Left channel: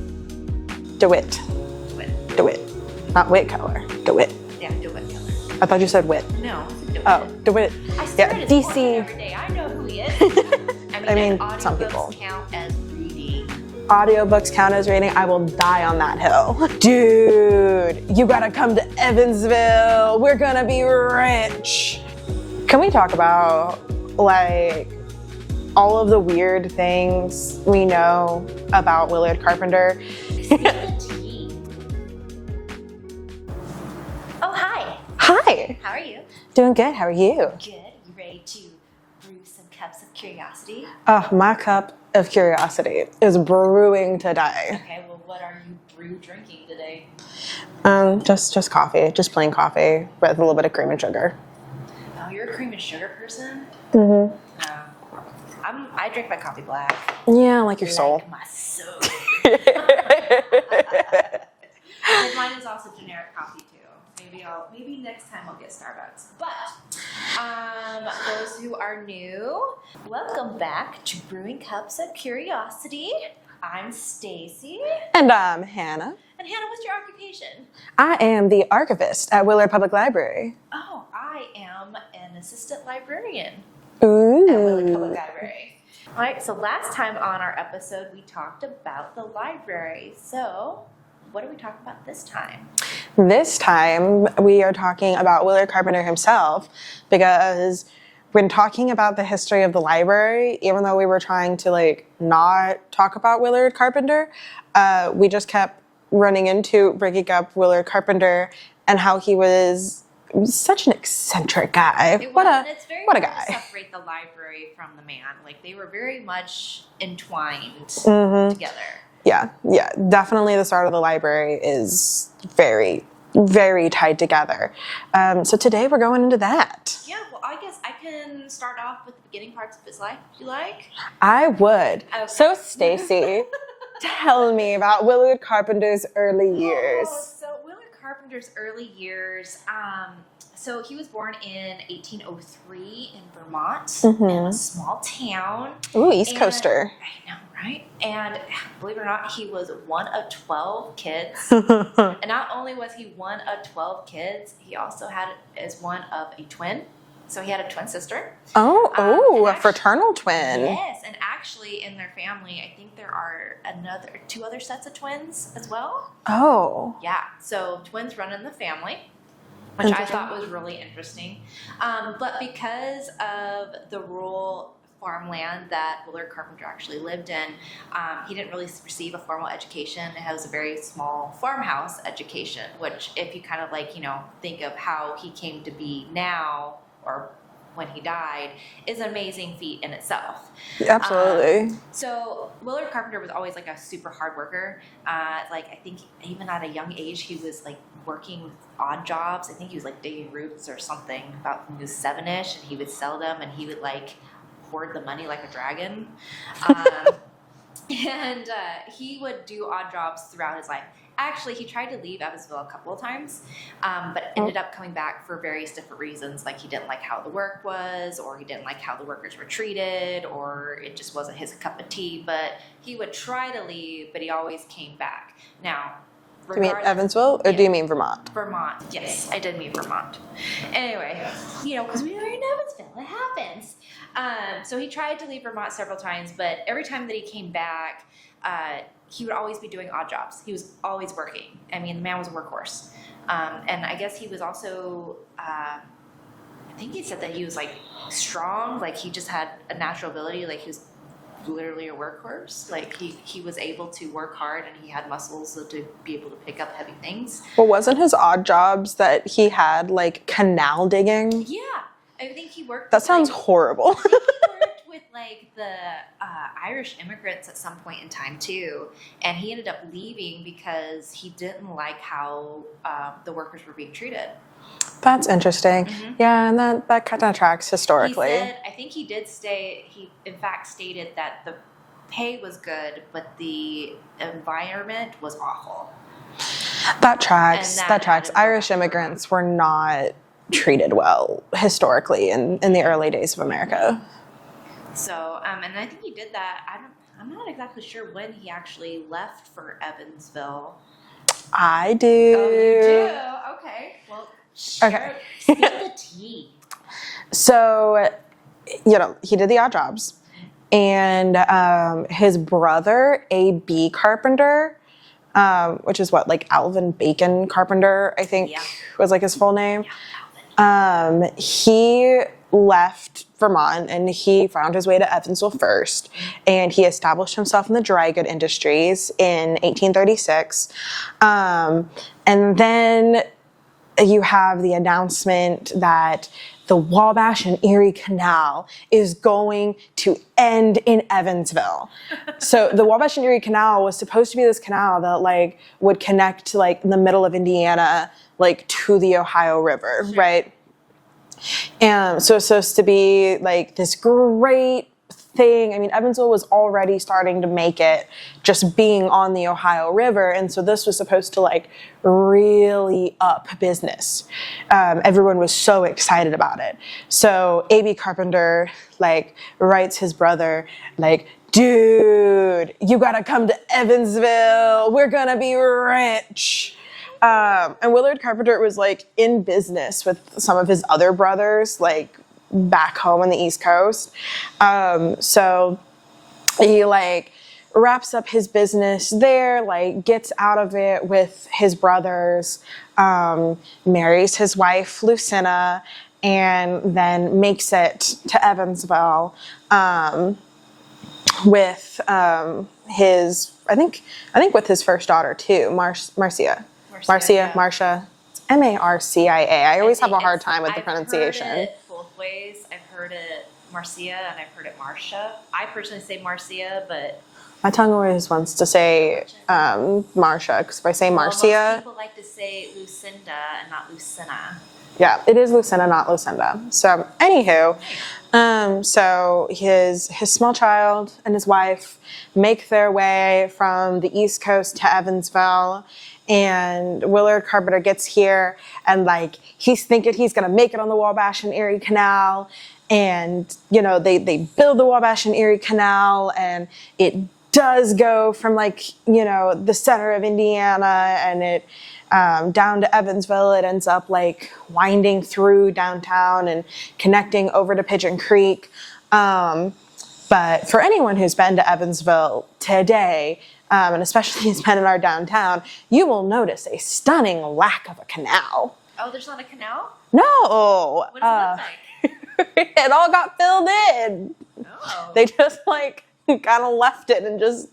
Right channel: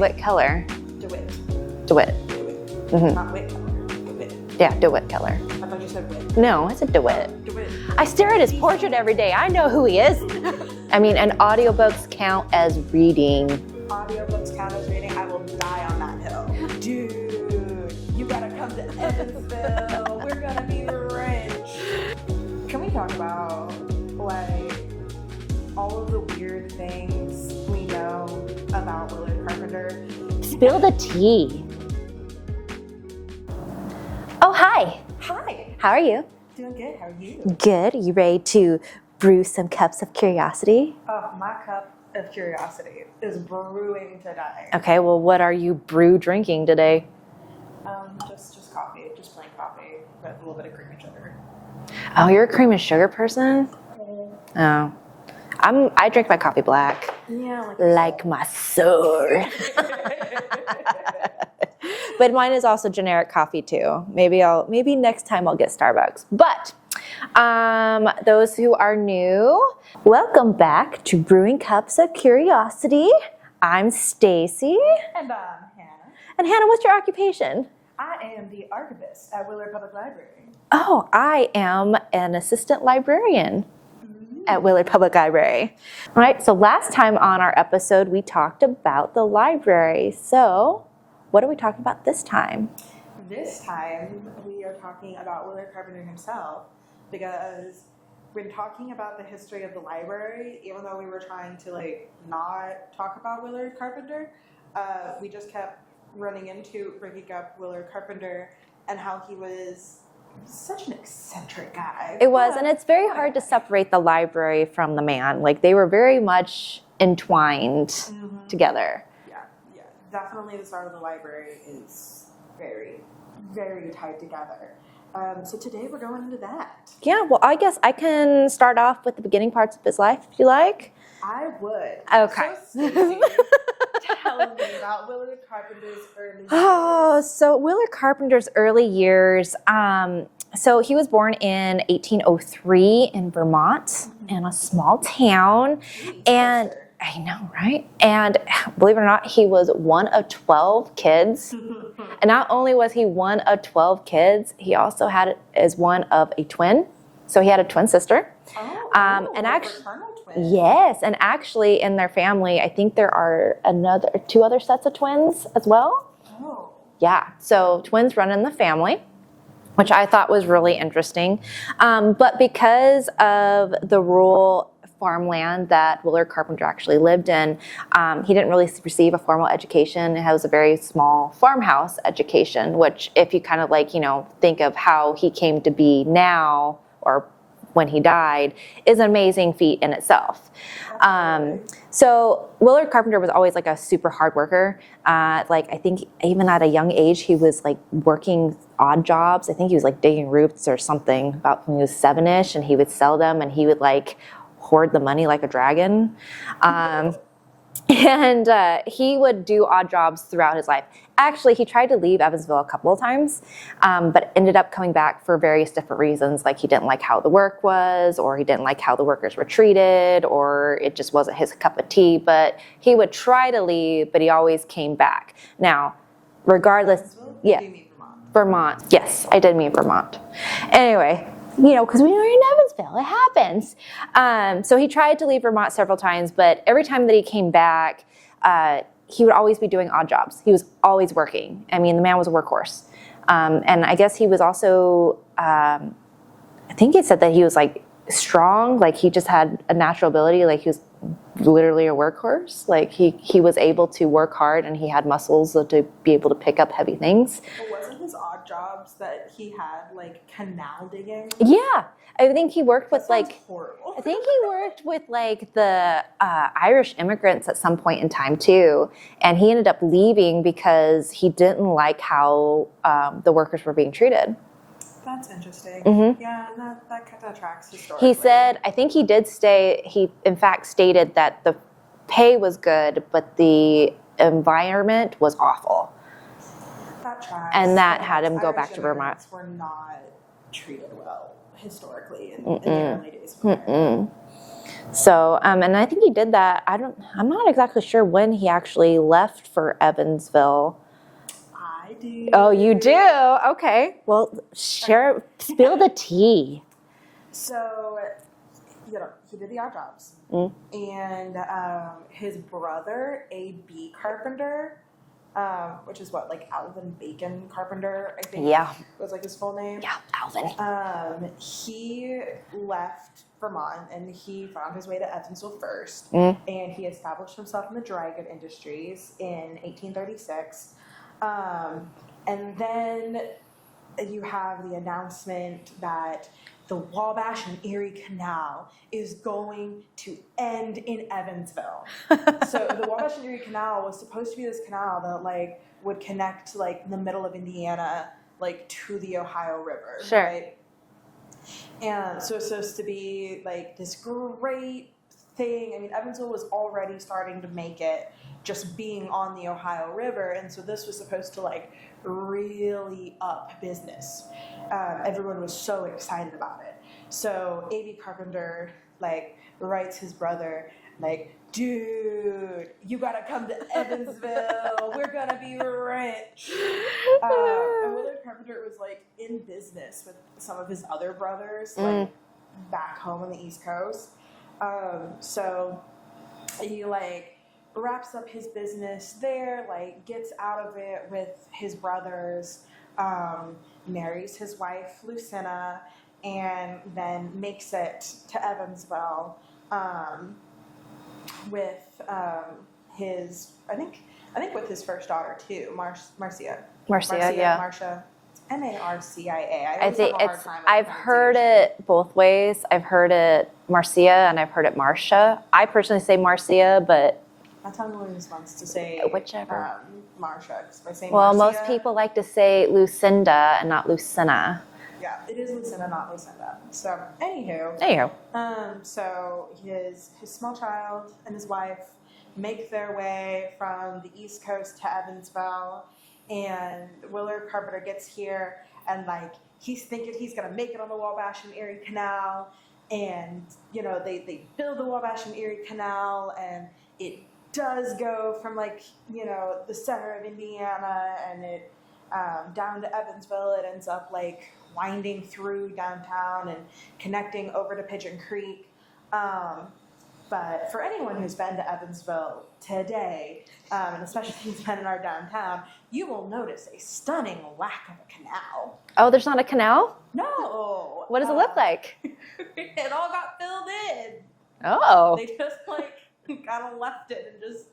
DeWitt Keller. DeWitt. Mm-hmm. Not Whit Keller. DeWitt. Yeah, DeWitt Keller. I thought you said Whit. No, I said DeWitt. Oh, DeWitt. I stare at his DC. portrait every day. I know who he is. I mean, and audiobooks count as reading. Audiobooks count as reading. I will die on that hill. Dude, you gotta come to Evansville. We're gonna be rich. Can we talk about, like, all of the weird things we know about Willard Carpenter? Spill the tea. Oh, hi. Hi. How are you? Doing good. How are you? Good. You ready to brew some cups of curiosity? Oh, my cup of curiosity is brewing today. Okay, well, what are you drinking today? Just coffee. Just plain coffee with a little bit of cream and sugar. Oh, you're a cream and sugar person? Mm-hmm. Oh. I drink my coffee black. Yeah, like your soul. Like my soul. But mine is also generic coffee too. Maybe next time I'll get Starbucks. But those who are new, welcome back to Brewing Cups of Curiosity. I'm Stacie. And I'm Hannah. And Hannah, what's your occupation? I am the archivist at Willard Public Library. Oh, I am an assistant librarian. Ooh. At Willard Public Library. All right, so last time on our episode, we talked about the library. So what are we talking about this time? This time, we are talking about Willard Carpenter himself, because when talking about the history of the library, even though we were trying to not talk about Willard Carpenter, we just kept running into bringing up Willard Carpenter and how he was such an eccentric guy. It was, and it's very hard to separate the library from the man. Like, they were very much entwined together. Yeah, definitely the start of the library is very, very tied together. So today we're going into that. Yeah, well, I guess I can start off with the beginning parts of his life, if you like. I would. Okay. So, Stacie, tell me about Willard Carpenter's early years. Oh, so Willard Carpenter's early years, so he was born in 1803 in Vermont, in a small town. Ooh, East Coaster. I know, right? And believe it or not, he was one of 12 kids. And not only was he one of 12 kids, he also had as one of a twin. So he had a twin sister. A fraternal twin. Yes, and actually in their family, I think there are two other sets of twins as well. Oh. Yeah, so twins run in the family, which I thought was really interesting. But because of the rural farmland that Willard Carpenter actually lived in, he didn't really receive a formal education. It was a very small farmhouse education, which if you kind of think of how he came to be now, or when he died, is an amazing feat in itself. Absolutely. So Willard Carpenter was always a super hard worker. I think even at a young age, he was working odd jobs. I think he was digging roots or something about when he was 7-ish, and he would sell them, and he would hoard the money like a dragon. And he would do odd jobs throughout his life. Actually, he tried to leave Evansville a couple of times, but ended up coming back for various different reasons. He didn't like how the work was, or he didn't like how the workers were treated, or it just wasn't his cup of tea. But he would try to leave, but he always came back. Now, regardless, do you mean Evansville, or do you mean Vermont? Vermont. Yes, I did mean Vermont. Anyway, because we were in Evansville, it happens. So he tried to leave Vermont several times, but every time that he came back, he would always be doing odd jobs. He was always working. I mean, the man was a workhorse. And I guess he was also, I think it said that he was strong. He just had a natural ability. He was literally a workhorse. He was able to work hard, and he had muscles to be able to pick up heavy things. Well, wasn't his odd jobs that he had canal digging? Yeah. I think he worked with, sounds horrible. I think he worked with the Irish immigrants at some point in time too, and he ended up leaving because he didn't like how the workers were being treated. That's interesting. Mm-hmm. Yeah, and that kind of tracks historically. He said, I think he did stay. He in fact stated that the pay was good, but the environment was awful. That tracks. And that tracks. Irish immigrants were not treated well historically in the early days of America. So, and I think he did that. I'm not exactly sure when he actually left for Evansville. I do. Oh, you do? Okay. Well, spill the tea. So, he did the odd jobs. And his brother, A.B. Carpenter, which is Alvin Bacon Carpenter, I think was his full name. Yeah, Alvin. He left Vermont and he found his way to Evansville first. And he established himself in the dry good industries in 1836. And then you have the announcement that the Wabash and Erie Canal is going to end in Evansville. So the Wabash and Erie Canal was supposed to be this canal that would connect to the middle of Indiana, to the Ohio River, right? And so it's supposed to be this great thing. I mean, Evansville was already starting to make it just being on the Ohio River. And so this was supposed to really up business. Everyone was so excited about it. So A.B. Carpenter writes his brother dude, you gotta come to Evansville. We're gonna be rich. And Willard Carpenter was in business with some of his other brothers, back home on the East Coast. So he wraps up his business there, gets out of it with his brothers, marries his wife Lucina, and then makes it to Evansville with his, I think with his first daughter too, Marcia. Marcia. M-A-R-C-I-A. I always have a hard time with the pronunciation. I've heard it both ways. I've heard it Marcia and I've heard it Marcia. I personally say Marcia, but my tongue always wants to say Marcia, because if I say Marcia... most people like to say Lucinda and not Lucina. Yeah, it is Lucina, not Lucinda. So, anywho. So his small child and his wife make their way from the East Coast to Evansville, and Willard Carpenter gets here, and he's thinking he's gonna make it on the Wabash and Erie Canal, and they build the Wabash and Erie Canal, and it does go from the center of Indiana and it down to Evansville. It ends up winding through downtown and connecting over to Pigeon Creek. But for anyone who's been to Evansville today, and especially who's been in our downtown, you will notice a stunning lack of a canal. Oh, there's not a canal? No. What does it look like? It all got filled in. Oh. They just kind of left it and just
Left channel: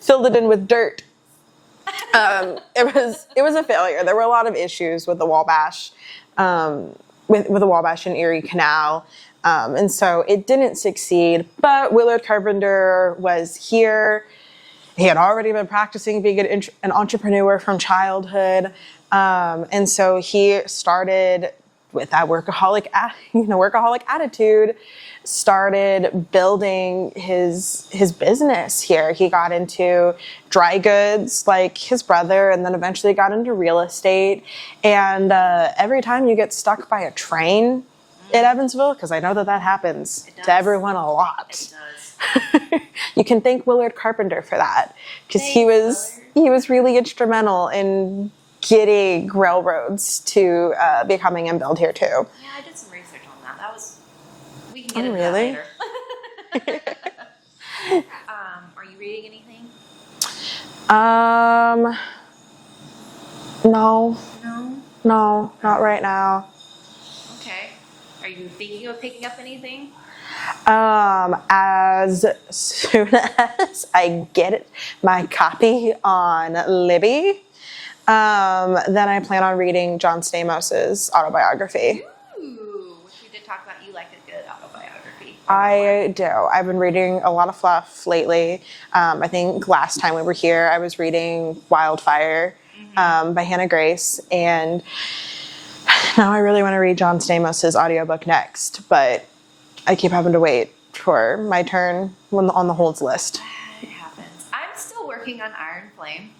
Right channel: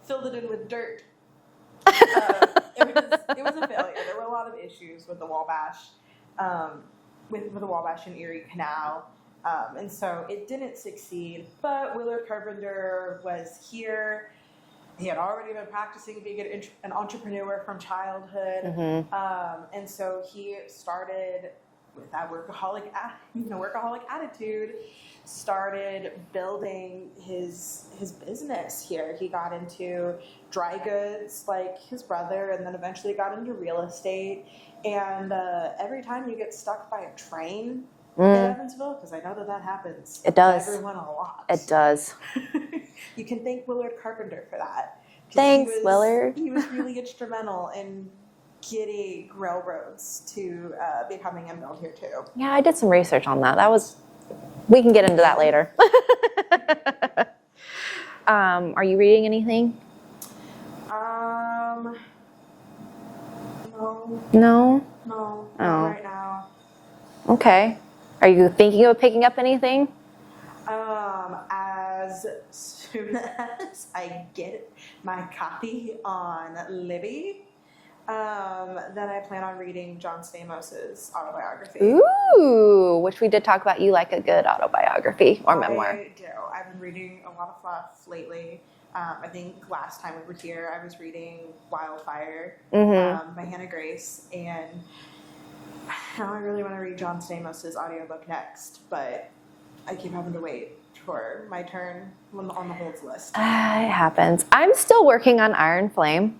filled it in with dirt. It was a failure. There were a lot of issues with the Wabash, with the Wabash and Erie Canal, and so it didn't succeed. But Willard Carpenter was here. He had already been practicing being an entrepreneur from childhood, and so he started with that workaholic attitude. Started building his business here. He got into dry goods like his brother, and then eventually got into real estate. And every time you get stuck by a train in Evansville, because I know that happens to everyone a lot. It does. You can thank Willard Carpenter for that, because he was really instrumental in getting railroads to be coming and build here too. Yeah, I did some research on that. We can get into that later. Are you reading anything? No, Oh. not right now. Okay. Are you thinking of picking up anything? As soon as I get my copy on Libby, then I plan on reading John Stamos' autobiography. Ooh, which we did talk about. You like a good autobiography. I do. I've been reading a lot of fluff lately. I think last time we were here, I was reading Wildfire by Hannah Grace, and now I really want to read John Stamos' audiobook next, but I keep having to wait for my turn on the holds list. It happens. I'm still working on Iron Flame.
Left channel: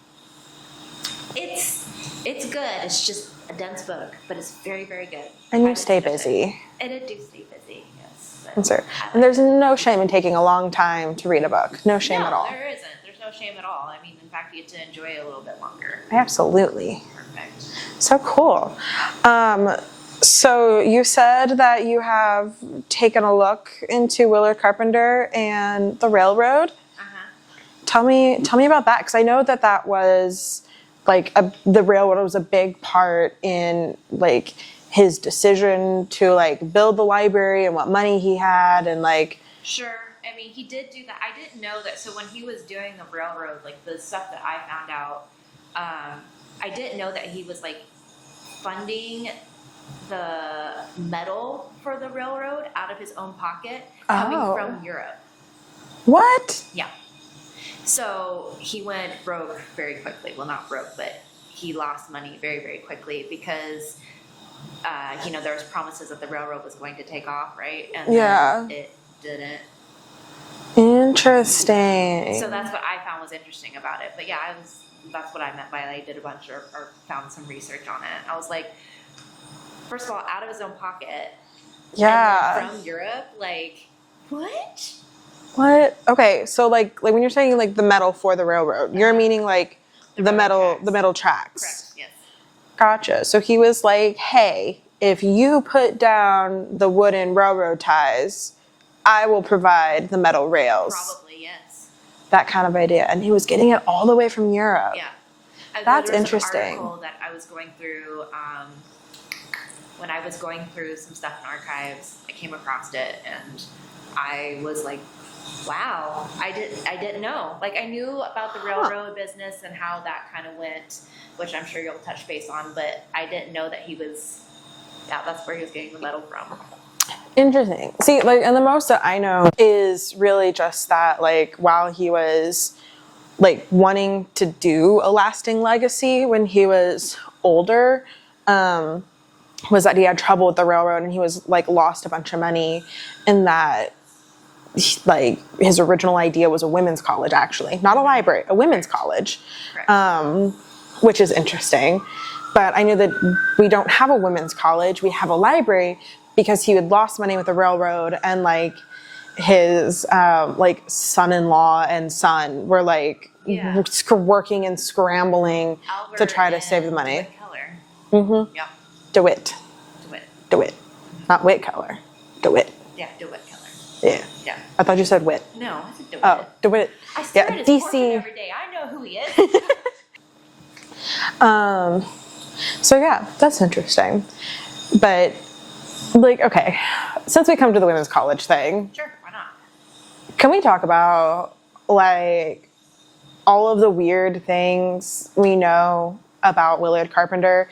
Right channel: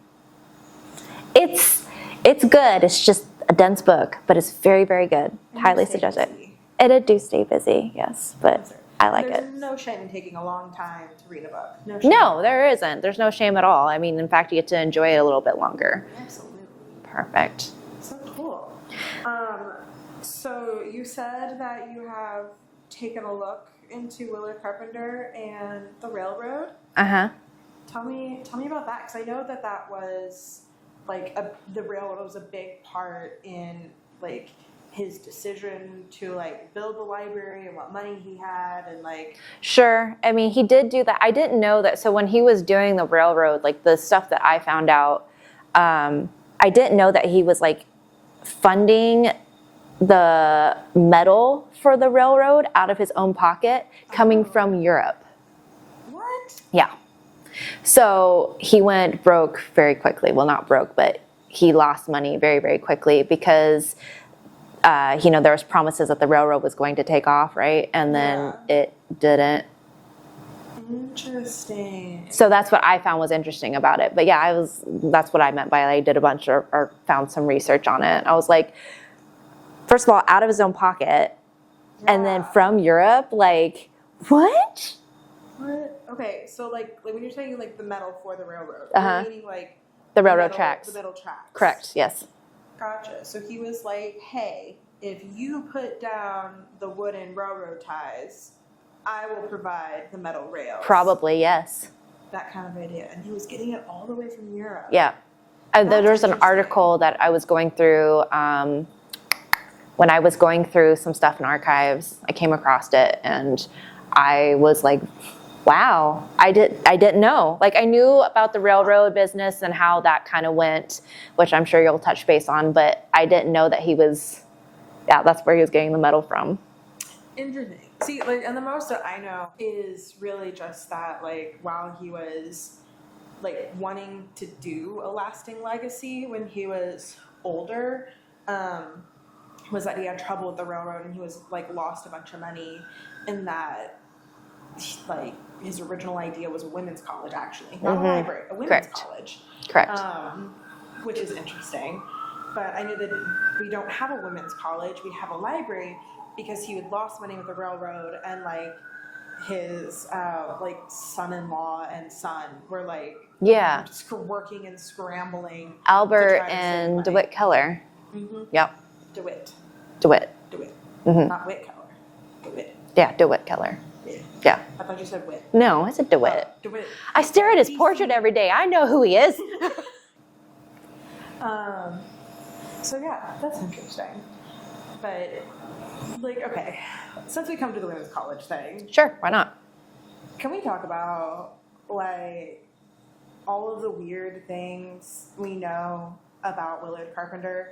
It's good. It's just a dense book, but it's very, very good. And you stay busy. It do stay busy, yes, but Sure. I like And there's it. no shame in taking a long time to read a book. No shame at No, all. there isn't. There's no shame at all. I mean, in fact, you get to enjoy it a little bit longer. Absolutely. Perfect. So cool. So you said that you have taken a look into Willard Carpenter and the railroad. Uh-huh. Tell me about that, because I know that was like the railroad was a big part in like his decision to like build the library and what money he had and like. Sure. I mean, he did do that. I didn't know that. So when he was doing the railroad, like the stuff that I found out, I didn't know that he was like funding the metal for the railroad out of his own pocket coming from Europe. What? Yeah. So he went broke very quickly. Well, not broke, but he lost money very, very quickly because, there was promises that the railroad was going to take off, right? And then it didn't. Interesting. So that's what I found was interesting about it. But yeah, that's what I meant by I did a bunch or found some research on it. I was like, first of all, out of his own pocket. Yeah. And then from Europe, like, what? What? Okay, so like when you're saying like the metal for the railroad, you're meaning like the metal tracks. Correct. Yes. Gotcha. So he was like, hey, if you put down the wooden railroad ties, I will provide the metal rails. Probably, yes. That kind of idea. And he was getting it all the way from Europe. Yeah. That's There's an interesting. article that I was going through when I was going through some stuff in archives. I came across it and I was like, wow, I didn't know. Like I knew about the railroad business and how that kind of went, which I'm sure you'll touch base on, but I didn't know that that's where he was getting the metal from. Interesting. See, like, and the most that I know is really just that, like, while he was like wanting to do a lasting legacy when he was older, was that he had trouble with the railroad and he was like lost a bunch of money, and that like his original idea was a women's college, actually, not a library, a women's college. Correct. Which is interesting. But I knew that we don't have a women's college, we have a library, because he had lost money with the railroad, and like his like son-in-law and son were like working and scrambling Albert to try to save the money. DeWitt Keller. Mm-hmm. Yep. DeWitt. Mm-hmm. Not Witt Keller. DeWitt. Yeah, DeWitt Keller. Yeah. Yeah. I thought you said Witt. No, I said DeWitt. Oh, DeWitt. I stare at his DC. portrait every day. I know who he is. So yeah, that's interesting. But like, okay, since we come to the women's college thing, Sure, why not? can we talk about like all of the weird things we know about Willard Carpenter?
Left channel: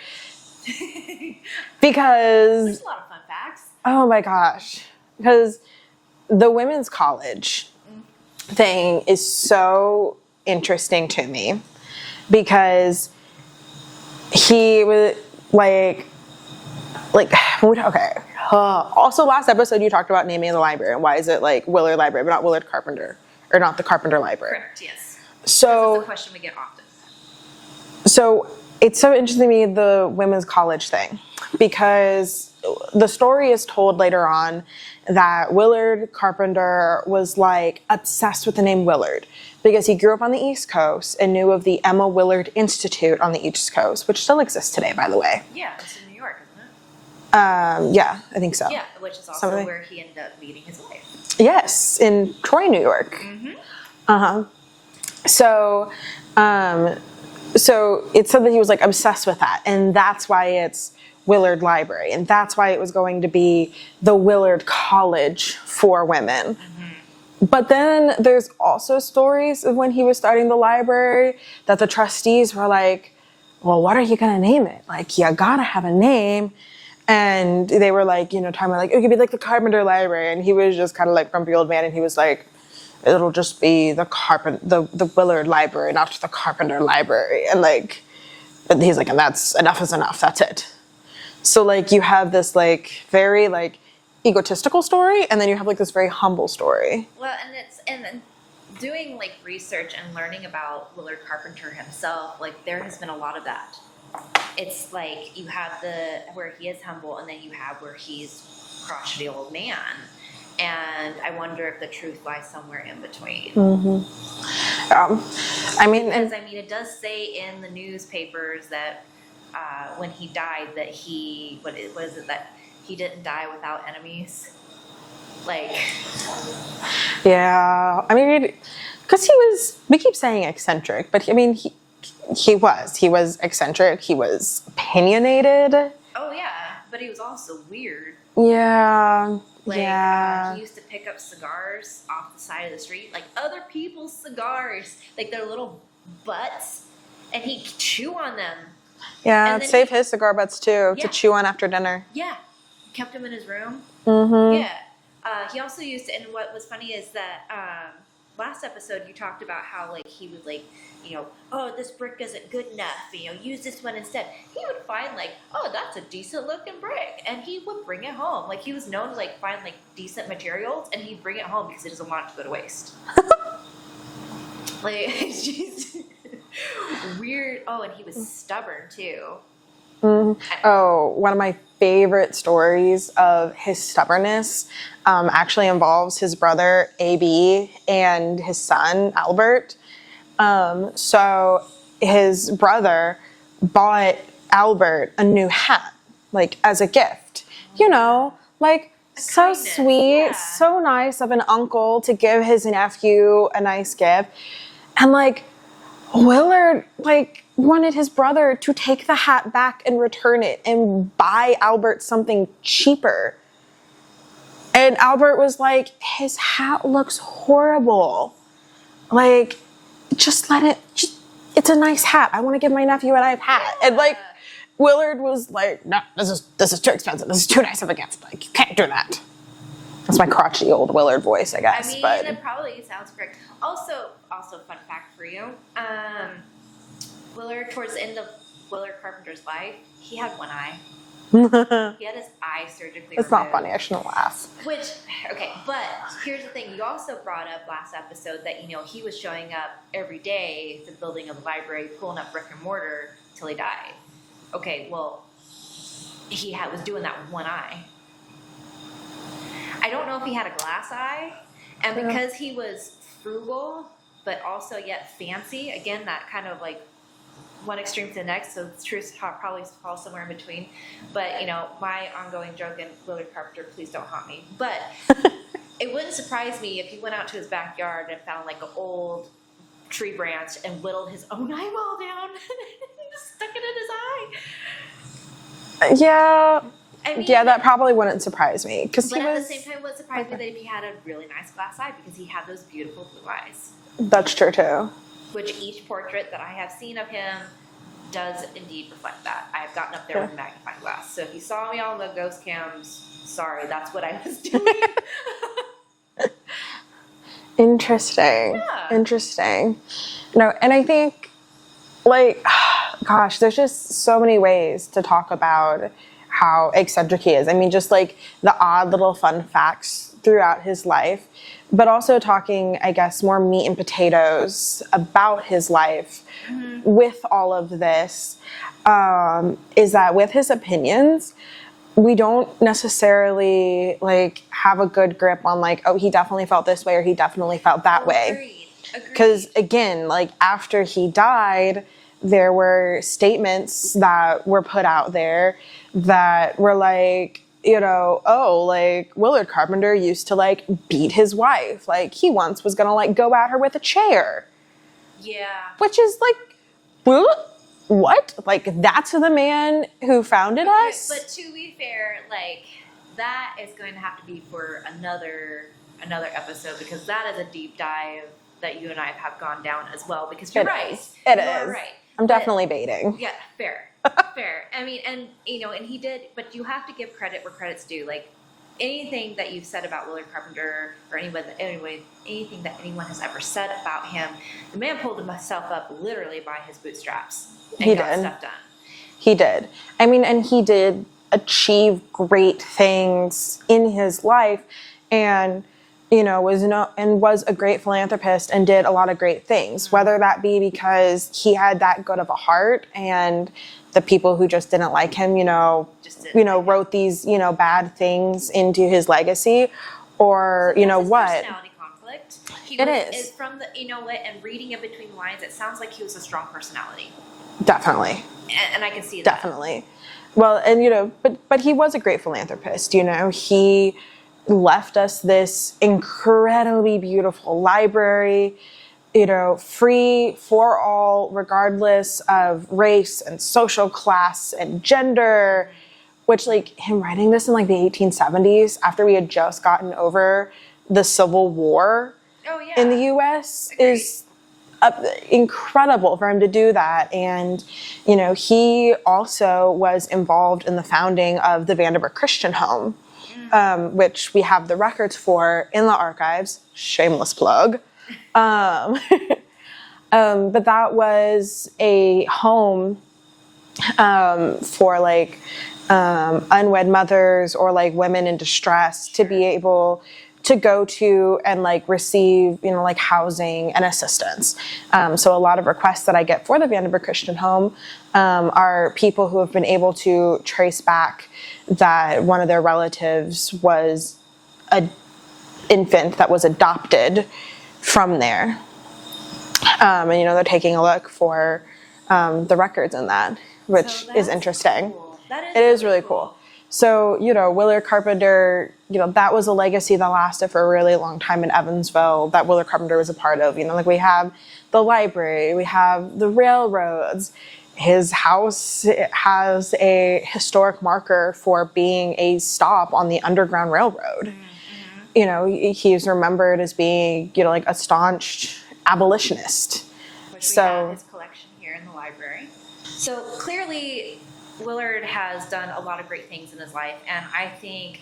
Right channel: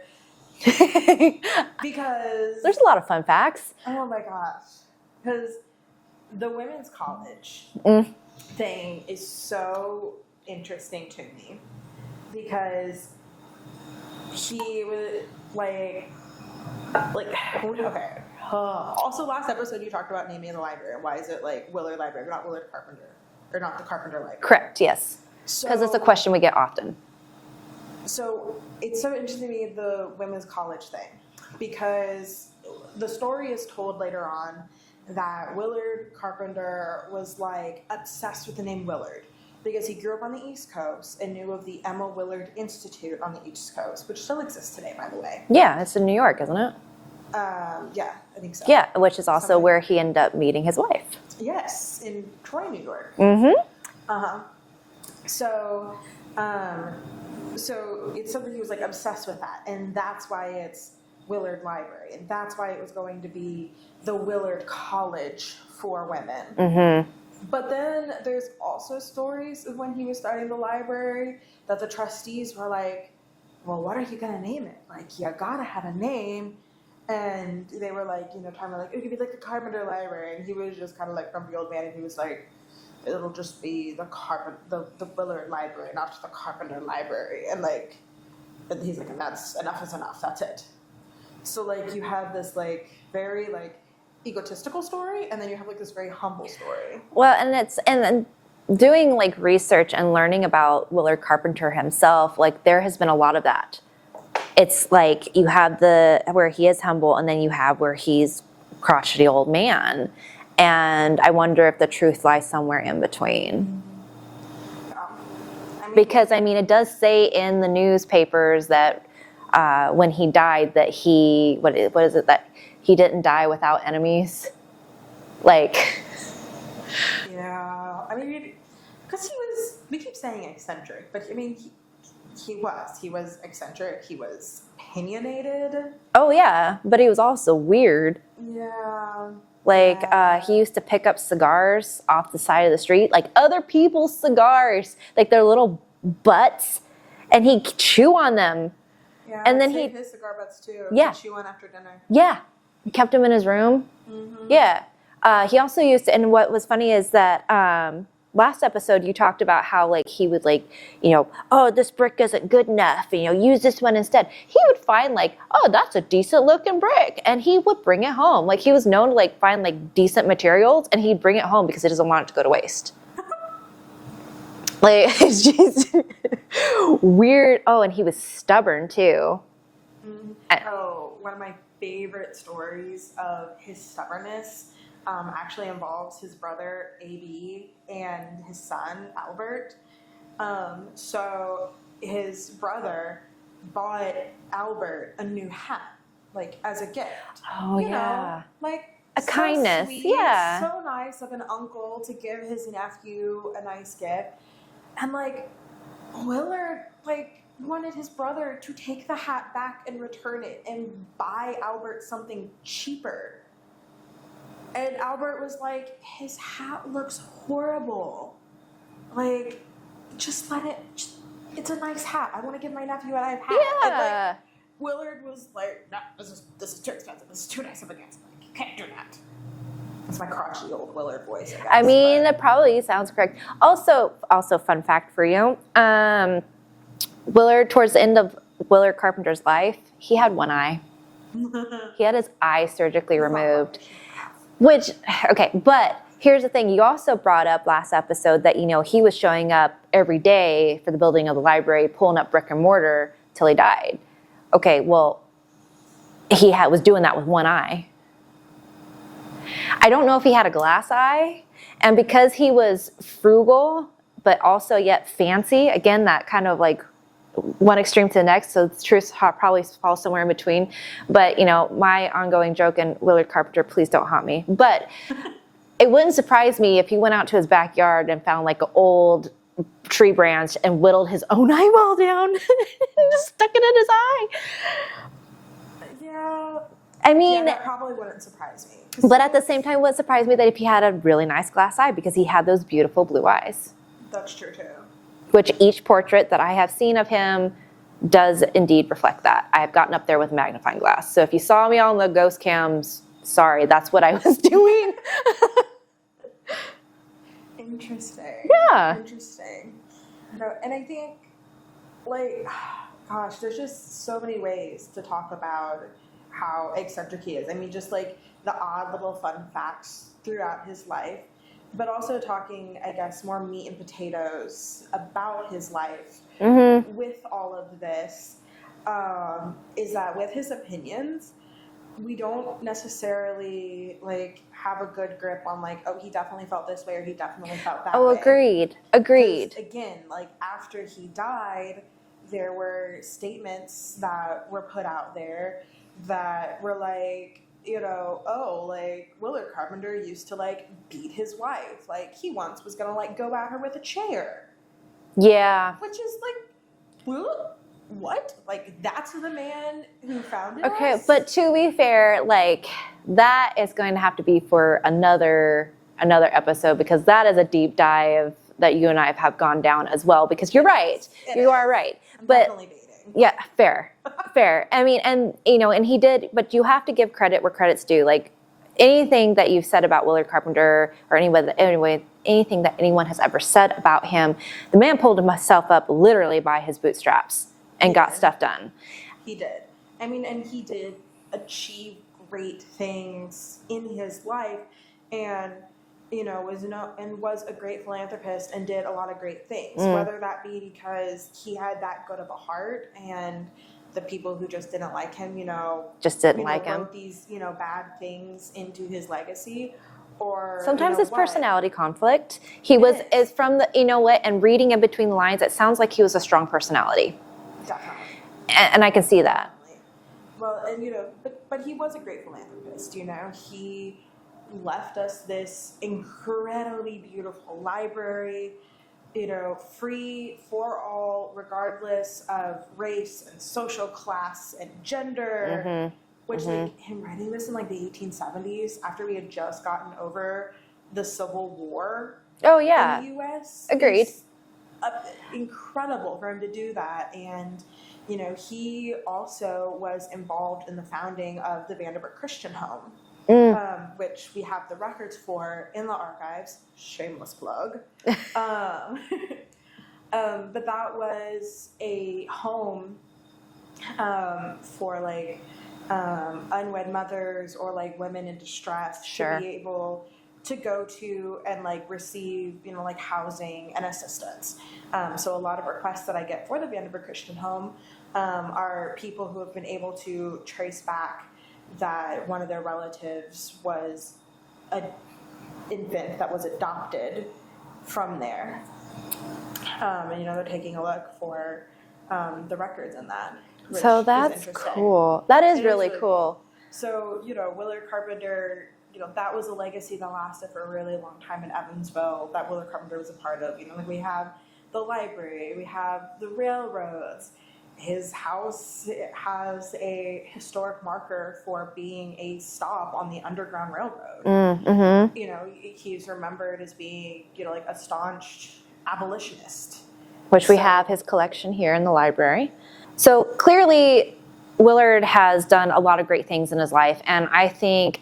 Because There's a lot of fun facts. oh my gosh, because the women's college thing is so interesting to me, because he was like okay. Also, last episode you talked about naming the library, and why is it like Willard Library but not Willard Carpenter, or not the Carpenter Library? Correct, yes. Because So it's a question we get often. So it's so interesting to me, the women's college thing, because the story is told later on that Willard Carpenter was like obsessed with the name Willard, because he grew up on the East Coast and knew of the Emma Willard Institute on the East Coast, which still exists today, by the way. Yeah, it's in New York, isn't it? Yeah, I think so. Yeah, which is also Something. where he ended up meeting his wife. Yes, in Troy, New York. Mm-hmm. Uh-huh. So it said that he was like obsessed with that, and that's why it's Willard Library, and that's why it was going to be the Willard College for women. Mm-hmm. But then there's also stories of when he was starting the library that the trustees were like, well, what are you going to name it? Like, you got to have a name. And they were like, talking about like, it could be like the Carpenter Library. And he was just kind of like grumpy old man, and he was like, it'll just be the Willard Library, not the Carpenter Library. And like, and he's like, and that's enough is enough. That's it. So like, you have this like very like egotistical story, and then you have like this very humble story. Well, and then doing like research and learning about Willard Carpenter himself, like there has been a lot of that. It's like you have where he is humble, and then you have where he's crotchety old man. And I wonder if the truth lies somewhere in between. Because it does say in the newspapers that when he died, that what is it, that he didn't die without enemies. Yeah, because we keep saying eccentric, but he was eccentric. He was opinionated. Oh yeah, but he was also weird. Yeah. He used to pick up cigars off the side of the street, like other people's cigars, like their little butts, and he'd chew on them. Yeah, and then save his cigar butts too to chew on after dinner. Yeah, he kept them in his room. Mm-hmm. Yeah, he also used to, and what was funny is that last episode you talked about how he would oh, this brick isn't good enough, use this one instead. He would find oh, that's a decent looking brick, and he would bring it home. He was known to find decent materials, and he'd bring it home because he doesn't want it to go to waste. It's just weird. Oh, and he was stubborn too. Mm-hmm. Oh, one of my favorite stories of his stubbornness actually involves his brother AB and his son Albert. So his brother bought Albert a new hat, as a gift. Oh, A kindness. So sweet, so nice of an uncle to give his nephew a nice gift. And Willard wanted his brother to take the hat back and return it and buy Albert something cheaper. And Albert was like, his hat looks horrible. Just let it, it's a nice hat. I want to give my nephew a nice hat. Yeah. And Willard was like, no, this is too expensive. This is too nice of a gift. You can't do that. That's my crotchety old Willard voice, I guess. It probably sounds correct. Also, fun fact for you. Willard, towards the end of Willard Carpenter's life, he had one eye. He had his eye surgically removed. It's not funny. I shouldn't laugh. But here's the thing. You also brought up last episode that, he was showing up every day for the building of the library, pulling up brick and mortar till he died. Okay, well, he was doing that with one eye. I don't know if he had a glass eye. And because he was frugal, but also yet fancy, again, that kind of one extreme to the next, so the truth probably falls somewhere in between. But, my ongoing joke, and Willard Carpenter, please don't haunt me. But it wouldn't surprise me if he went out to his backyard and found an old tree branch and whittled his own eyeball down and just stuck it in his eye. Yeah. That probably wouldn't surprise me. But at the same time, it would surprise me that if he had a really nice glass eye, because he had those beautiful blue eyes. That's true, too. Which each portrait that I have seen of him does indeed reflect that. I have gotten up there with a magnifying glass. So if you saw me on the ghost cams, sorry, that's what I was doing. Interesting. Yeah. Interesting. No, and I think, gosh, there's just so many ways to talk about how eccentric he is. Just the odd little fun facts throughout his life, but also talking, I guess, more meat and potatoes about his life with all of this, is that with his opinions, we don't necessarily have a good grip on oh, he definitely felt this way or he definitely felt that way. Agreed. Because again, after he died, there were statements that were put out there that were Willard Carpenter used to beat his wife. He once was gonna go at her with a chair. Yeah. Which is what? That's the man who founded us? But to be fair, that is going to have to be for another episode, because that is a deep dive that you and I have gone down as well, because you're right. You are right. I'm definitely baiting. Yeah, fair. Fair. And he did, but you have to give credit where credit's due. Anything that you've said about Willard Carpenter, or anything that anyone has ever said about him, the man pulled himself up literally by his bootstraps and got stuff done. He did. And he did achieve great things in his life, and was a great philanthropist and did a lot of great things, whether that be because he had that good of a heart and the people who just didn't like him, Just didn't like him. wrote these, bad things into his legacy, or Sometimes it's what? personality conflict. It is. From the, and reading in between the lines, it sounds like he was a strong personality. Definitely. And I can see that. Definitely. Well, and but he was a great philanthropist. He left us this incredibly beautiful library, free for all, regardless of race and social class and gender. Which, him writing this in the 1870s, after we had just gotten over the Civil War in the U.S. Agreed. is incredible for him to do that. And, he also was involved in the founding of the Vanderbilt Christian Home, which we have the records for in the archives. Shameless plug. But that was a home for unwed mothers or women in distress to be able to go to and receive housing and assistance. So a lot of requests that I get for the Vanderbilt Christian Home are people who have been able to trace back that one of their relatives was an infant that was adopted from there. And they're taking a look for the records in that, which is interesting. Cool. That is really cool. So, Willard Carpenter, that was a legacy that lasted for a really long time in Evansville that Willard Carpenter was a part of. We have the library, we have the railroads. His house has a historic marker for being a stop on the Underground Railroad. He's remembered as being, a staunch abolitionist. Which we have his collection here in the library. So clearly, Willard has done a lot of great things in his life. And I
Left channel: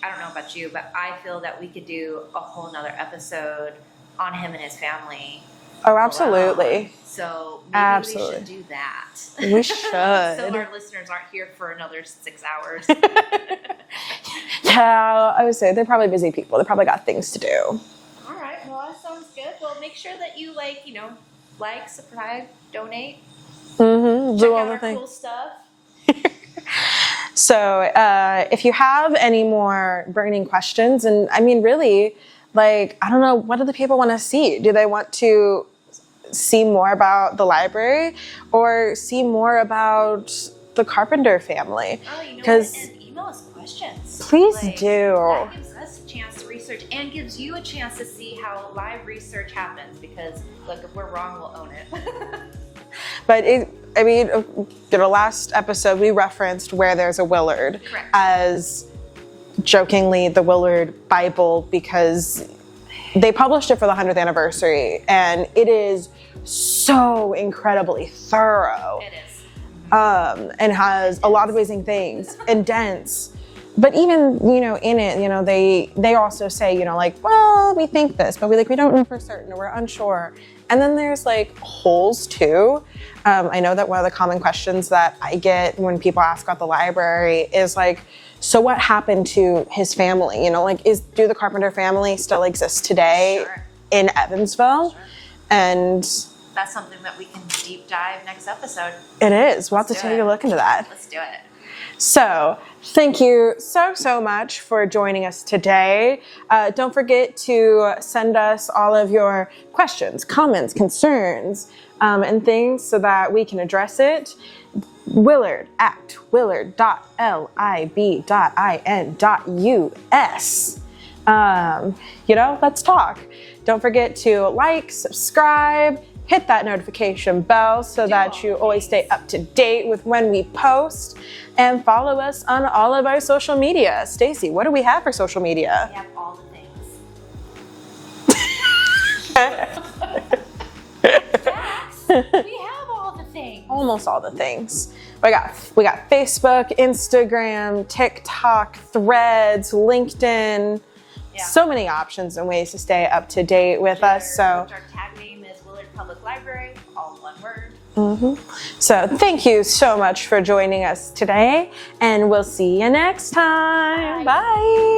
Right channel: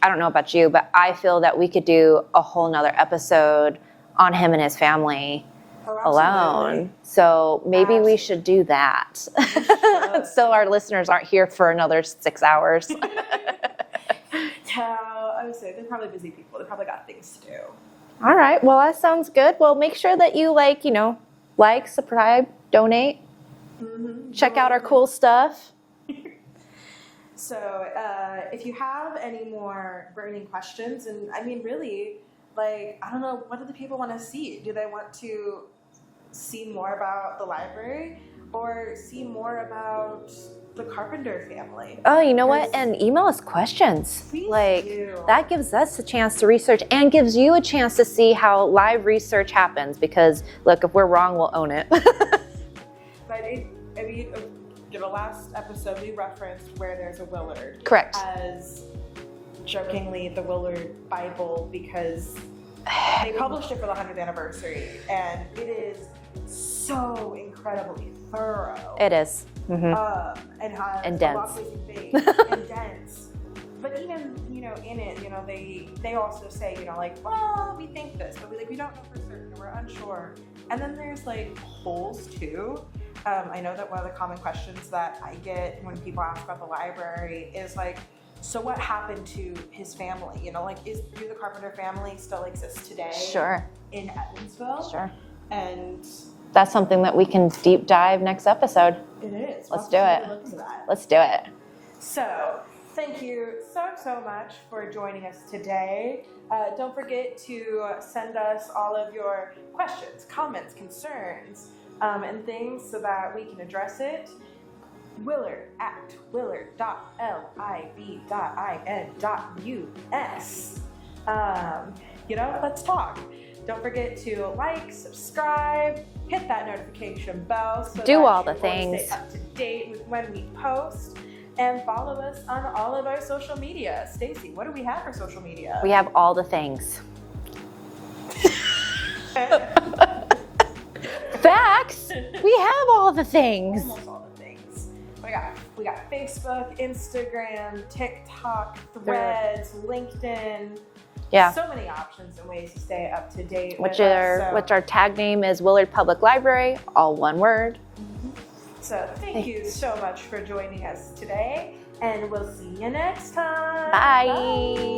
don't know about you, but I feel that we could do a whole nother episode on him and his family. Oh, absolutely. Alone. So maybe we should do that. We should. So our listeners aren't here for another 6 hours. Yeah, I would say they're probably busy people. They probably got things to do. All right. Well, that sounds good. Well, make sure that you subscribe, donate, check out our cool stuff. So if you have any more burning questions, and really, I don't know, what do the people want to see? Do they want to see more about the library or see more about the Carpenter family? Oh, you know what? And email us questions. Please do. That gives us a chance to research and gives you a chance to see how live research happens because, look, if we're wrong, we'll own it. But last episode we referenced Where There's a Willard. Correct. As jokingly the Willard Bible because they published it for the 100th anniversary and it is so incredibly thorough. It is. And has a lot of amazing things and dense. But even, in it, they also say, well, we think this, but we don't know for certain, or we're unsure. And then there's holes too. I know that one of the common questions that I get when people ask about the library is so what happened to his family? Do the Carpenter family still exist today in Evansville? Sure. And that's something that we can deep dive next episode. It is. We'll have to take a look into that. Let's do it. So thank you so much for joining us today. Don't forget to send us all of your questions, comments, concerns, and things so that we can address it. willard@willard.lib.in.us. Let's talk. Don't forget to subscribe, hit that notification bell so that you always stay up to date with when we post, and follow us on all of our social media. Stacie, what do we have for social media? We have all the things. Facts. We have all the things. Almost all the things. We got Facebook, Instagram, TikTok, Threads, LinkedIn. Yeah. So many options and ways to stay up to date with us. Which our tag name is Willard Public Library, all one word. So thank you so much for joining us today, and we'll see you next time. Bye. Bye.